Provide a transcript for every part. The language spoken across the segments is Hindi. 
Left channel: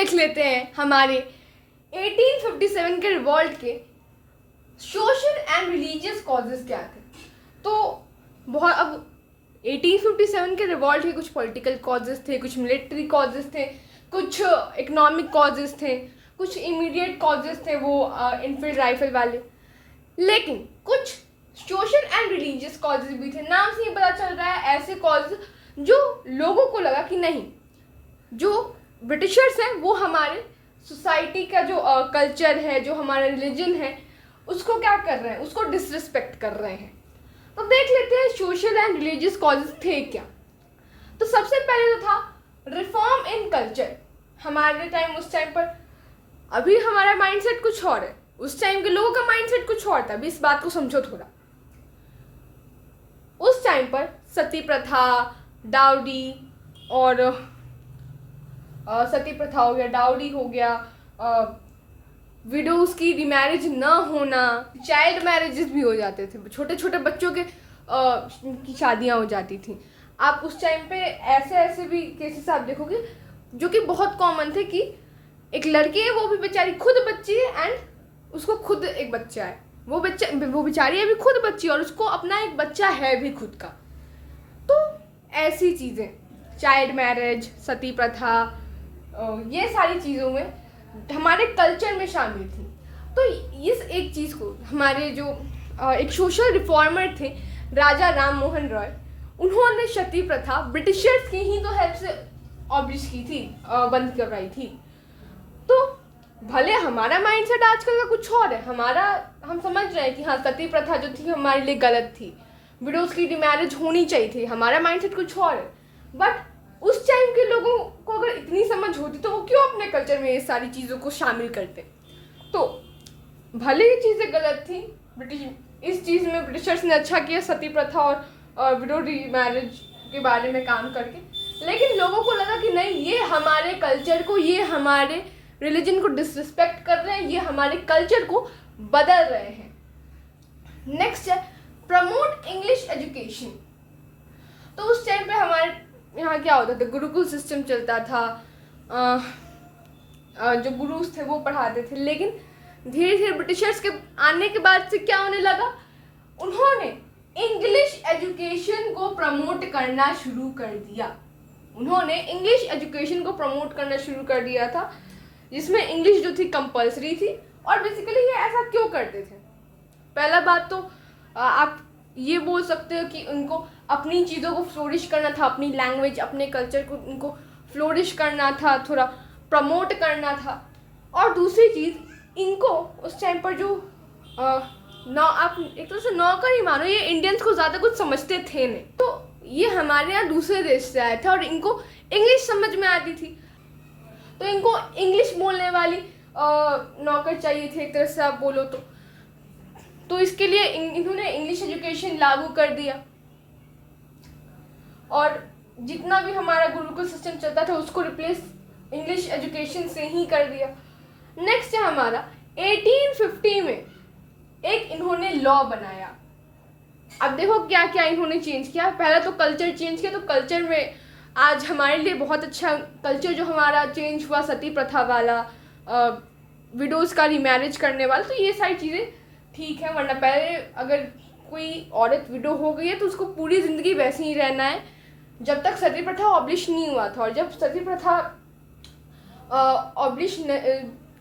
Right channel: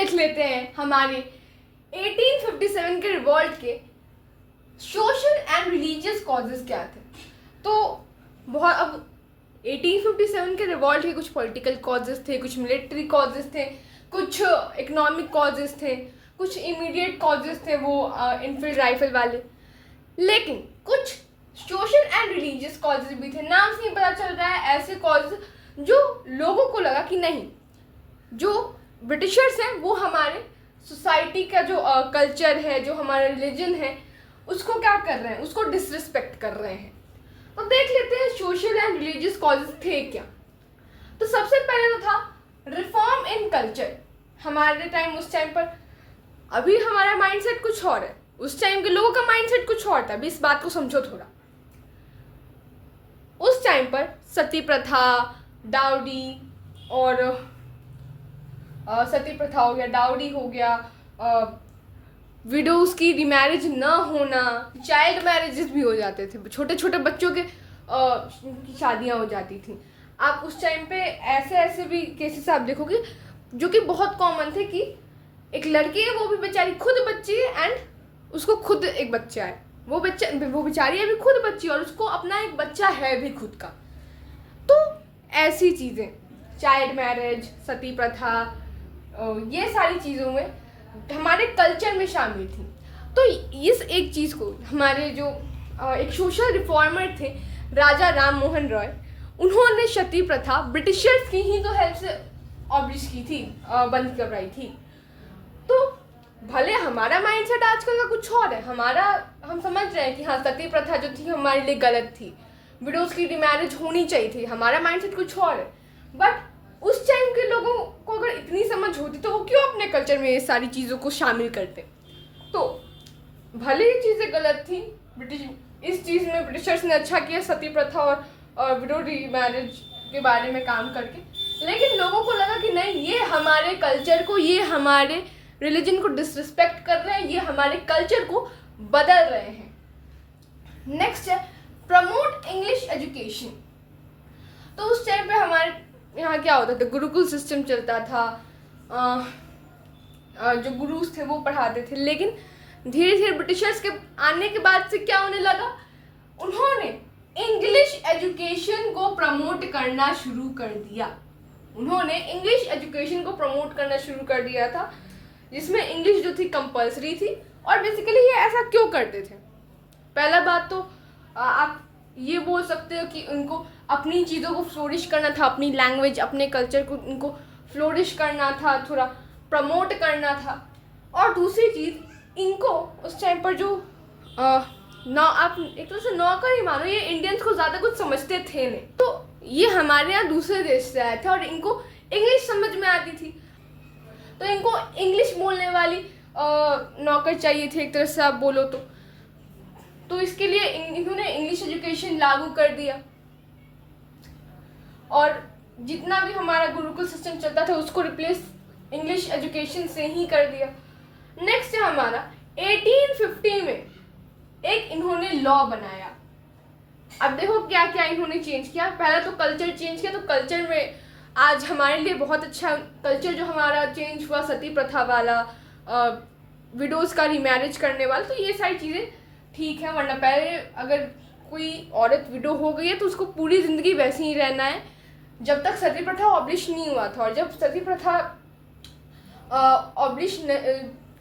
देख लेते हैं हमारे 1857 के रिवॉल्ट के सोशल एंड रिलीजियस कॉजेज क्या थे। तो बहुत अब 1857 के रिवॉल्ट के कुछ पॉलिटिकल कॉजेज थे, कुछ मिलिट्री कॉजेज थे, कुछ इकोनॉमिक कॉजेज थे, कुछ इमीडिएट कॉजेज थे वो इनफील्ड राइफल वाले, लेकिन कुछ सोशल एंड रिलीजियस कॉजेज भी थे। नाम से ही पता चल रहा है ऐसे कॉजेज जो लोगों को लगा कि नहीं, जो ब्रिटिशर्स हैं वो हमारे सोसाइटी का जो कल्चर है, जो हमारा रिलीजन है, उसको क्या कर रहे हैं, उसको डिसरिस्पेक्ट कर रहे हैं। तो देख लेते हैं सोशल एंड रिलीजियस कॉजेज थे क्या। तो सबसे पहले तो था रिफॉर्म इन कल्चर। हमारे टाइम, उस टाइम पर, अभी हमारा माइंडसेट कुछ और है, उस टाइम के लोगों का माइंडसेट कुछ और था। अभी इस बात को समझो थोड़ा। उस टाइम पर सती प्रथा, डाउडी और सती प्रथा हो गया, डाउडी हो गया, विडोज की रिमैरिज ना होना, चाइल्ड मैरिजेस भी हो जाते थे, छोटे छोटे बच्चों के की शादियां हो जाती थी। आप उस टाइम पे ऐसे ऐसे भी केसेस आप देखोगे जो कि बहुत कॉमन थे कि एक लड़की है, वो भी बेचारी खुद बच्ची है एंड उसको खुद एक बच्चा है, वो बेचारी है भी खुद बच्ची और उसको अपना एक बच्चा है भी खुद का। तो ऐसी चीज़ें, चाइल्ड मैरिज, सती प्रथा, ये सारी चीज़ों में हमारे कल्चर में शामिल थी। तो इस एक चीज़ को हमारे जो एक सोशल रिफॉर्मर थे राजा राम मोहन रॉय, उन्होंने सती प्रथा ब्रिटिशर्स की ही तो हेल्प से ऑब्लिश की थी, बंद करवाई थी। तो भले हमारा माइंडसेट आजकल का कुछ और है, हम समझ रहे हैं कि हाँ, सती प्रथा जो थी हमारे लिए गलत थी, विडोज की रिमैरिज होनी चाहिए थी, हमारा माइंडसेट कुछ और है। बट उस टाइम के लोगों को अगर इतनी समझ होती तो वो क्यों अपने कल्चर में ये सारी चीज़ों को शामिल करते। तो भले ही चीज़ें गलत थी, इस चीज़ में ब्रिटिशर्स ने अच्छा किया सती प्रथा और विडो मैरिज के बारे में काम करके, लेकिन लोगों को लगा कि नहीं, ये हमारे कल्चर को, ये हमारे रिलीजन को डिसरिस्पेक्ट कर रहे हैं, ये हमारे कल्चर को बदल रहे हैं। नेक्स्ट है प्रमोट इंग्लिश एजुकेशन। तो उस टाइम पे हमारे यहाँ क्या होता था, गुरुकुल सिस्टम चलता था, जो गुरुज थे वो पढ़ाते थे। लेकिन धीरे धीरे ब्रिटिशर्स के आने के बाद से क्या होने लगा, उन्होंने इंग्लिश एजुकेशन को प्रमोट करना शुरू कर दिया। उन्होंने इंग्लिश एजुकेशन को प्रमोट करना शुरू कर दिया था, जिसमें इंग्लिश जो थी कंपलसरी थी। और बेसिकली ये ऐसा क्यों करते थे? पहला बात तो आप ये बोल सकते हो कि उनको अपनी चीज़ों को फ्लोरिश करना था, अपनी लैंग्वेज, अपने कल्चर को उनको फ्लोरिश करना था, थोड़ा प्रमोट करना था। और दूसरी चीज़, इनको उस टाइम पर जो आप एक तरह से नौकर ही मानो, ये इंडियंस को ज़्यादा कुछ समझते थे नहीं। तो ये हमारे यहाँ दूसरे देश से आए थे और इनको इंग्लिश समझ में आती थी, तो इनको इंग्लिश बोलने वाली नौकर चाहिए थे, एक तरह से आप बोलो तो इसके लिए इन्होंने इंग्लिश एजुकेशन लागू कर दिया और जितना भी हमारा गुरुकुल सिस्टम चलता था उसको रिप्लेस इंग्लिश एजुकेशन से ही कर दिया। नेक्स्ट है हमारा 1850 में एक इन्होंने लॉ बनाया। अब देखो क्या क्या इन्होंने चेंज किया। पहले तो कल्चर चेंज किया, तो कल्चर में आज हमारे लिए बहुत अच्छा कल्चर जो हमारा चेंज हुआ, सती प्रथा वाला, विडोज का रिमैरिज करने वाला, तो ये सारी चीज़ें ठीक है। वरना पहले अगर कोई औरत विडो हो गई है तो उसको पूरी ज़िंदगी वैसे ही रहना है जब तक सती प्रथा ऑब्लिश नहीं हुआ था। और जब सती प्रथा ऑब्लिश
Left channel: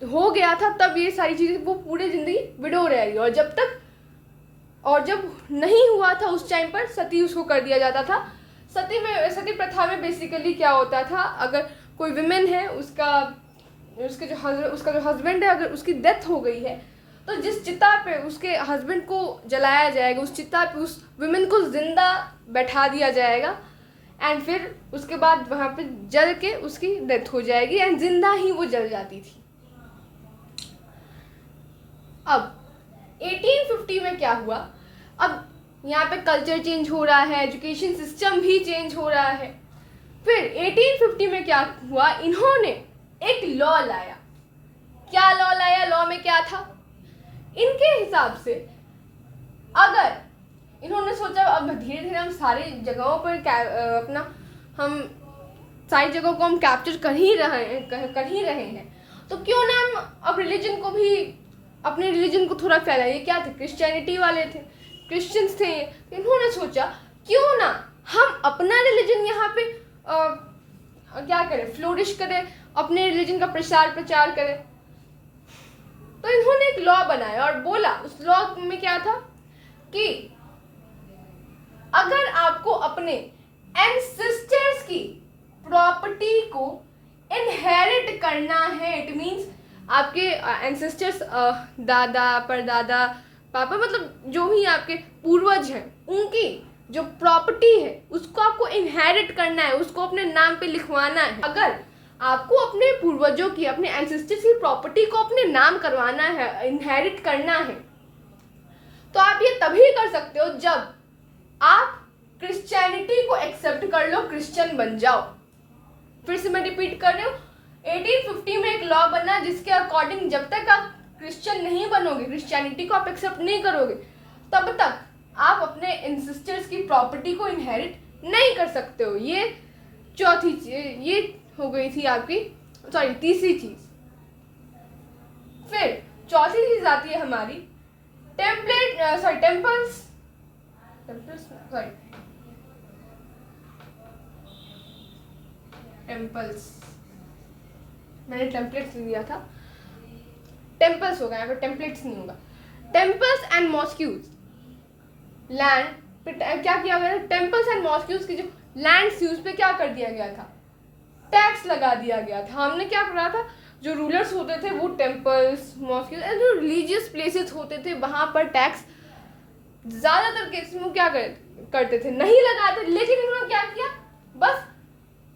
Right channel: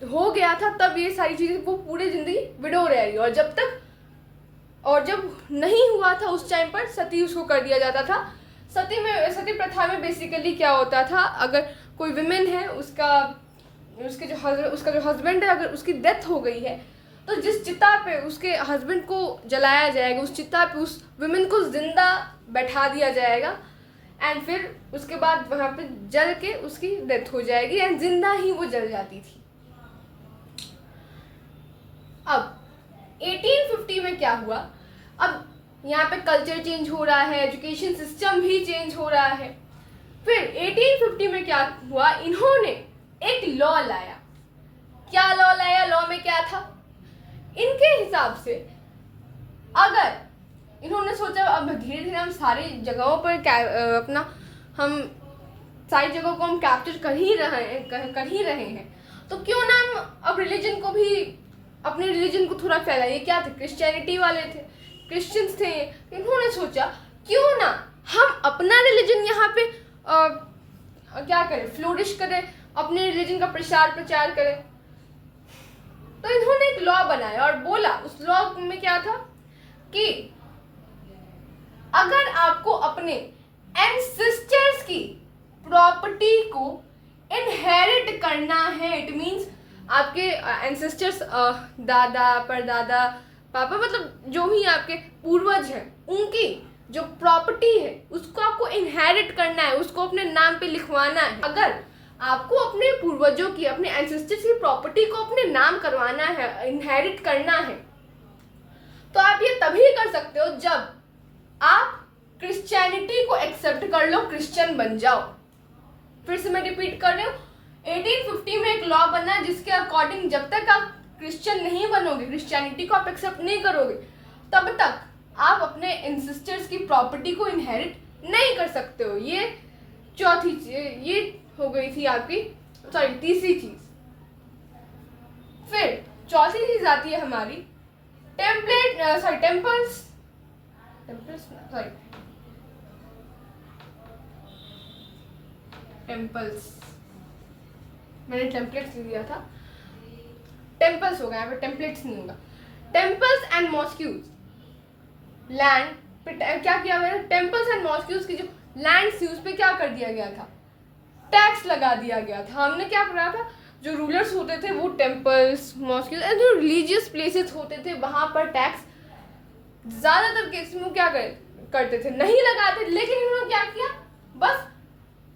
हो गया था तब ये सारी चीज़ें वो पूरी ज़िंदगी विडो रहेगी। और जब नहीं हुआ था उस टाइम पर सती उसको कर दिया जाता था। सती प्रथा में बेसिकली क्या होता था, अगर कोई विमेन है, उसका जो हस्बैंड है, अगर उसकी डेथ हो गई है तो जिस चिता पे उसके हस्बैंड को जलाया जाएगा, उस चिता पे उस विमेन को जिंदा बैठा दिया जाएगा एंड फिर उसके बाद वहाँ पे जल के उसकी डेथ हो जाएगी एंड जिंदा ही वो जल जाती थी। अब 1850 में क्या हुआ, अब यहाँ पे कल्चर चेंज हो रहा है, एजुकेशन सिस्टम भी चेंज हो रहा है। फिर 1850 में क्या हुआ, इन्होंने एक लॉ लाया। क्या लॉ लाया? लॉ में क्या था, इनके हिसाब से अगर इन्होंने सोचा अब धीरे धीरे हम सारी जगहों पर हम सारी जगहों को हम कैप्चर कर ही रहे हैं, तो क्यों ना हम अब रिलीजन को भी, अपने रिलीजन को थोड़ा फैलाइए। क्या थे, क्रिश्चियनिटी वाले थे, क्रिश्चियंस थे ये, इन्होंने सोचा क्यों ना हम अपना रिलीजन यहाँ पे क्या करें, फ्लोरिश करें, अपने रिलीजन का प्रचार करें। तो इन्होंने एक लॉ बनाया और बोला, उस लॉ में क्या था कि अगर आपको अपने एंसेस्टर्स की प्रॉपर्टी को इनहेरिट करना है, इट मींस आपके एंसेस्टर्स, दादा परदादा पापा, मतलब जो भी आपके पूर्वज हैं, उनकी जो प्रॉपर्टी है उसको आपको इनहेरिट करना है, उसको अपने नाम पे लिखवाना है। अगर आपको अपने पूर्वजों की, अपने एंसेस्टर्स की प्रॉपर्टी को अपने नाम करवाना है, इनहेरिट करना है, तो आप ये तभी कर सकते हो जब आप क्रिश्चियनिटी को एक्सेप्ट कर लो, क्रिश्चियन बन जाओ। फिर से मैं रिपीट कर रही हूँ, 1850 में एक लॉ बना जिसके अकॉर्डिंग जब तक आप क्रिश्चियन नहीं बनोगे, क्रिश्चियनिटी को आप एक्सेप्ट नहीं करोगे, तब तक आप अपने एंसेस्टर्स की प्रॉपर्टी को इनहेरिट नहीं कर सकते हो। ये चौथी चीज, ये हो गई थी आपकी, सॉरी तीसरी चीज। फिर चौथी चीज आती है हमारी टेम्पल्स, मैंने टेम्पलेट्स लिया था, टेम्पल्स हो गया, यहाँ पे टेम्पलेट्स नहीं होगा। टेम्पल्स एंड मॉस्क्यूज, लैंड क्या किया गया, टेम्पल्स एंड मॉस्क्यूज की जो लैंड यूज पे क्या कर दिया गया था, टैक्स लगा दिया गया था। हमने क्या करा था, जो रूलर्स होते थे वो टेम्पल्स, मॉस्क्यूज, जो रिलीजियस प्लेसेस होते थे वहां पर टैक्स ज्यादातर केस में क्या करते थे, नहीं लगाते। लेकिन उन्होंने क्या किया, बस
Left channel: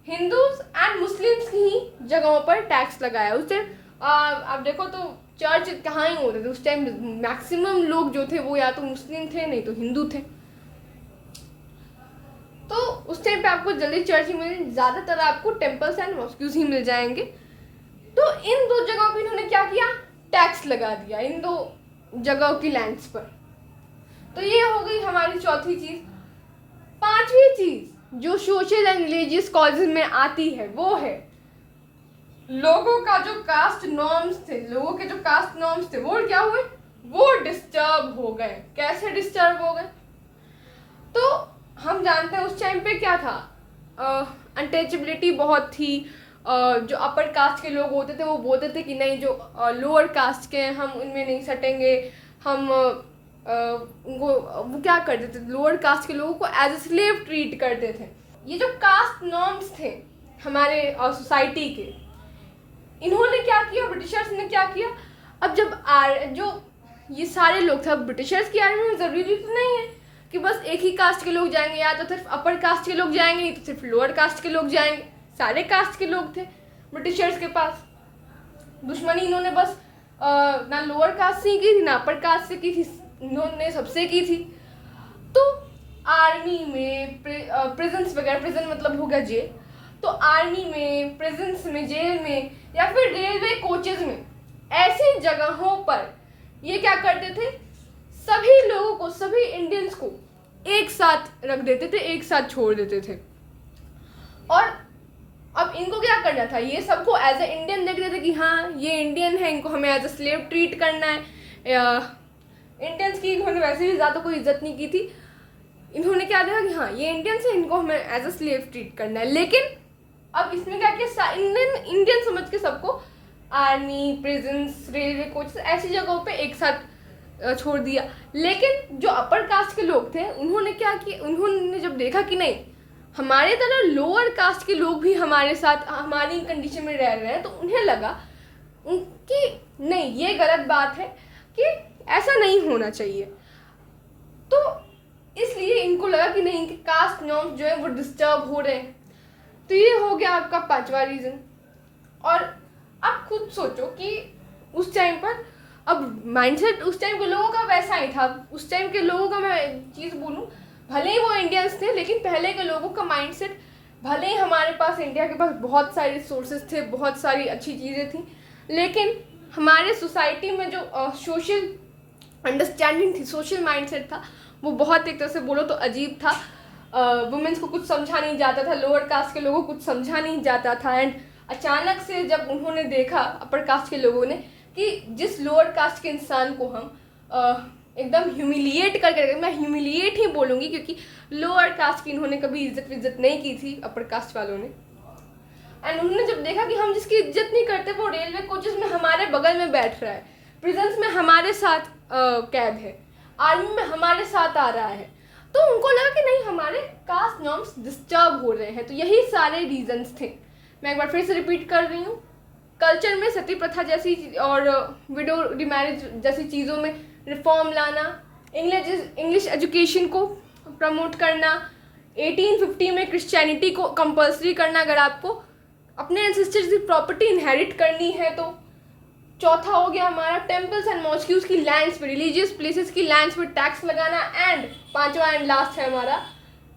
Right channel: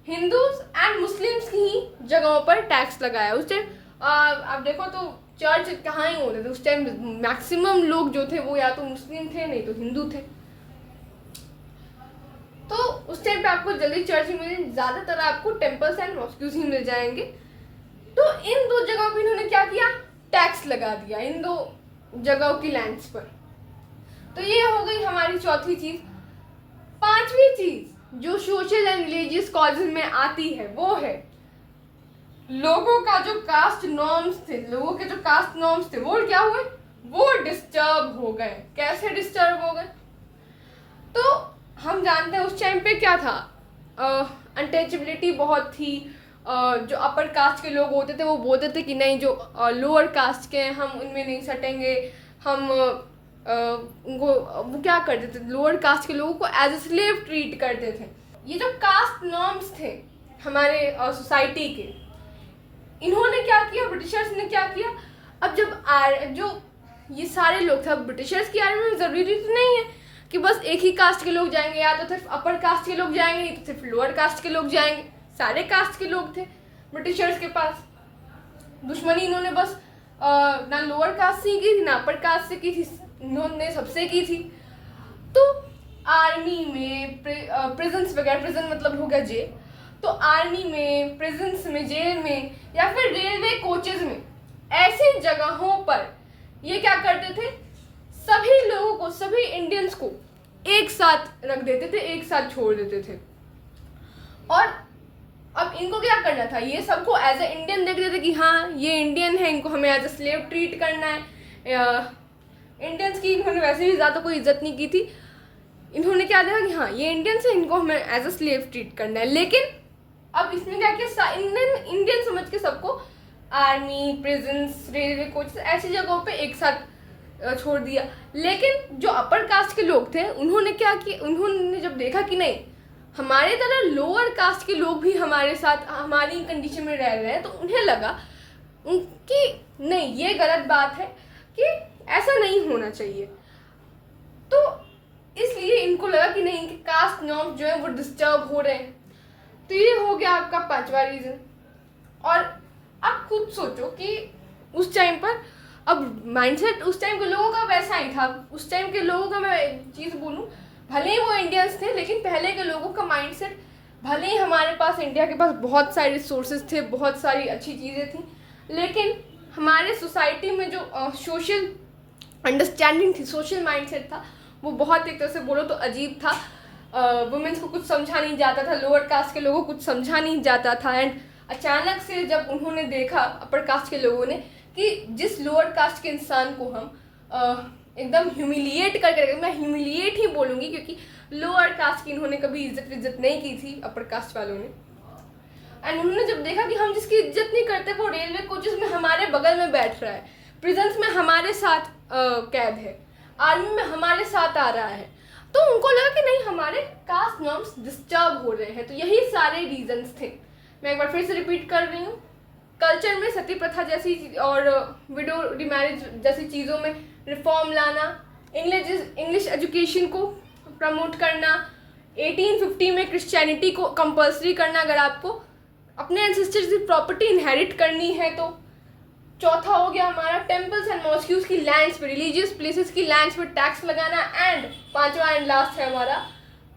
हिंदूज एंड मुस्लिम्स की ही जगहों पर टैक्स लगाया। उस टाइम आप देखो तो चर्च कहाँ ही होते थे उस टाइम, मैक्सिमम लोग जो थे वो या तो मुस्लिम थे, नहीं तो हिंदू थे। तो उस टाइम पे आपको जल्दी चर्च ही मिले, ज्यादातर आपको टेम्पल्स एंड मॉस्क्यूज ही मिल जाएंगे। तो इन दो जगहों पे इन्होंने क्या किया, टैक्स लगा दिया इन दो जगहों की लैंड्स पर। तो ये हो गई हमारी चौथी चीज। पांचवी चीज जो सोशल एंड रिलीजियस कॉजेज में आती है वो है लोगों का जो कास्ट नॉर्म्स थे, लोगों के जो कास्ट नॉर्म्स थे वो क्या हुए, वो डिस्टर्ब हो गए। कैसे डिस्टर्ब हो गए, तो हम जानते हैं उस टाइम पे क्या था, अनटचेबिलिटी बहुत थी। जो अपर कास्ट के लोग होते थे वो बोलते थे कि नहीं, जो लोअर कास्ट के हैं हम उनमें नहीं सटेंगे, हम उनको, वो क्या करते थे, लोअर कास्ट के लोगों को एज ए स्लेव ट्रीट करते थे। ये जो कास्ट नॉर्म्स थे हमारे सोसाइटी के, इन्होंने क्या किया, ब्रिटिशर्स ने क्या किया, अब जब जो ये सारे लोग थे, ब्रिटिशर्स की आर्मी में जरूरी तो नहीं है कि बस एक ही कास्ट के लोग जाएंगे, या तो सिर्फ अपर कास्ट के लोग जाएंगे, या तो सिर्फ लोअर कास्ट के लोग जाएंगे। सारे कास्ट के लोग थे ब्रिटिशर्स के पास। दुश्मनी इन्होंने बस ना लोअर कास्ट से की थी ना अपर कास्ट से की थी, इन्होंने सबसे की थी। तो आर्मी में प्रिजन्स वगैरह, प्रिजन मतलब हो गया जेल, तो आर्मी में, प्रिजन्स में, जेल में, या फिर रेलवे कोचेज में, ऐसी जगहों पर ये क्या करते थे, सभी लोगों को, सभी इंडियंस को एक साथ रख देते थे, एक साथ छोड़ देते थे। और अब इनको क्या करना था, ये सबको एज ए इंडियन देख रहे थे कि हाँ ये इंडियन है, इनको हमें एज ए स्लेव ट्रीट करना है। इंडियंस की इन्होंने वैसे भी ज़्यादा कोई इज्जत नहीं की थी, इन्होंने क्या देखा कि हाँ ये इंडियंस है, इनको हमें एज ए स्लेव ट्रीट करना है। लेकिन अब इसमें क्या किया, इंडियन समझ के सबको आर्मी, प्रिजन्स, रेलवे कोच, ऐसी जगहों पे एक साथ छोड़ दिया। लेकिन जो अपर कास्ट के लोग थे उन्होंने क्या किया, उन्होंने जब देखा कि नहीं हमारे तरह लोअर कास्ट के लोग भी हमारे साथ हमारी कंडीशन में रह रहे हैं, तो उन्हें लगा कि नहीं ये गलत बात है, कि ऐसा नहीं होना चाहिए। तो इसलिए इनको लगा कि नहीं, इनके कास्ट नॉर्म्स जो है वो डिस्टर्ब हो रहे हैं। तो ये हो गया आपका पांचवा रीजन। और आप खुद सोचो कि उस टाइम पर, अब माइंडसेट उस टाइम के लोगों का वैसा ही था। उस टाइम के लोगों का मैं एक चीज़ बोलूँ, भले ही वो इंडियंस थे, लेकिन पहले के लोगों का माइंडसेट, भले ही हमारे पास इंडिया के पास बहुत सारे रिसोर्सेज थे, बहुत सारी अच्छी चीज़ें थी, लेकिन हमारे सोसाइटी में जो सोशल अंडरस्टैंडिंग थी, सोशल माइंडसेट था, वो बहुत एक तरह से बोलो तो अजीब था। वुमेन्स को कुछ समझा नहीं जाता था, लोअर कास्ट के लोगों को कुछ समझा नहीं जाता था। एंड अचानक से जब उन्होंने देखा अपर कास्ट के लोगों ने कि जिस लोअर कास्ट के इंसान को हम एकदम ह्यूमिलिएट करके, मैं ह्यूमिलिएट ही बोलूँगी क्योंकि लोअर कास्ट की इन्होंने कभी इज्जत नहीं की थी अपर कास्ट वालों ने। एंड उन्होंने जब देखा कि हम जिसकी इज्जत नहीं करते वो रेलवे कोचेस में हमारे बगल में बैठ रहा है, प्रिजन्स में हमारे साथ कैद है, आर्मी में हमारे साथ आ रहा है, तो उनको लगा कि नहीं हमारे कास्ट नॉर्म्स डिस्टर्ब हो रहे हैं। तो यही सारे रीजंस थे। मैं एक बार फिर से रिपीट कर रही हूँ, कल्चर में सती प्रथा जैसी और विडो रिमैरिज जैसी चीज़ों में रिफॉर्म लाना, इंग्लिश एजुकेशन को प्रमोट करना, 1850 में क्रिश्चियनिटी को कंपल्सरी करना अगर आपको अपने एंसेस्टर्स की प्रॉपर्टी इनहेरिट करनी है तो। चौथा हो गया हमारा टेम्पल्स एंड मॉस्क्यूज की लैंड्स पे, रिलीजियस प्लेसेस की लैंड्स पे टैक्स लगाना। एंड पांचवा एंड लास्ट है हमारा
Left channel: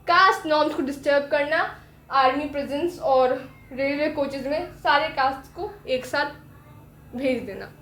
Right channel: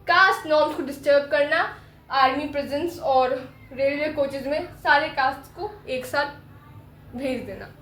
कास्ट नॉर्म्स को डिस्टर्ब करना, आर्मी प्रिजन्स और रेलवे कोचेज में सारे कास्ट को एक साथ भेज देना।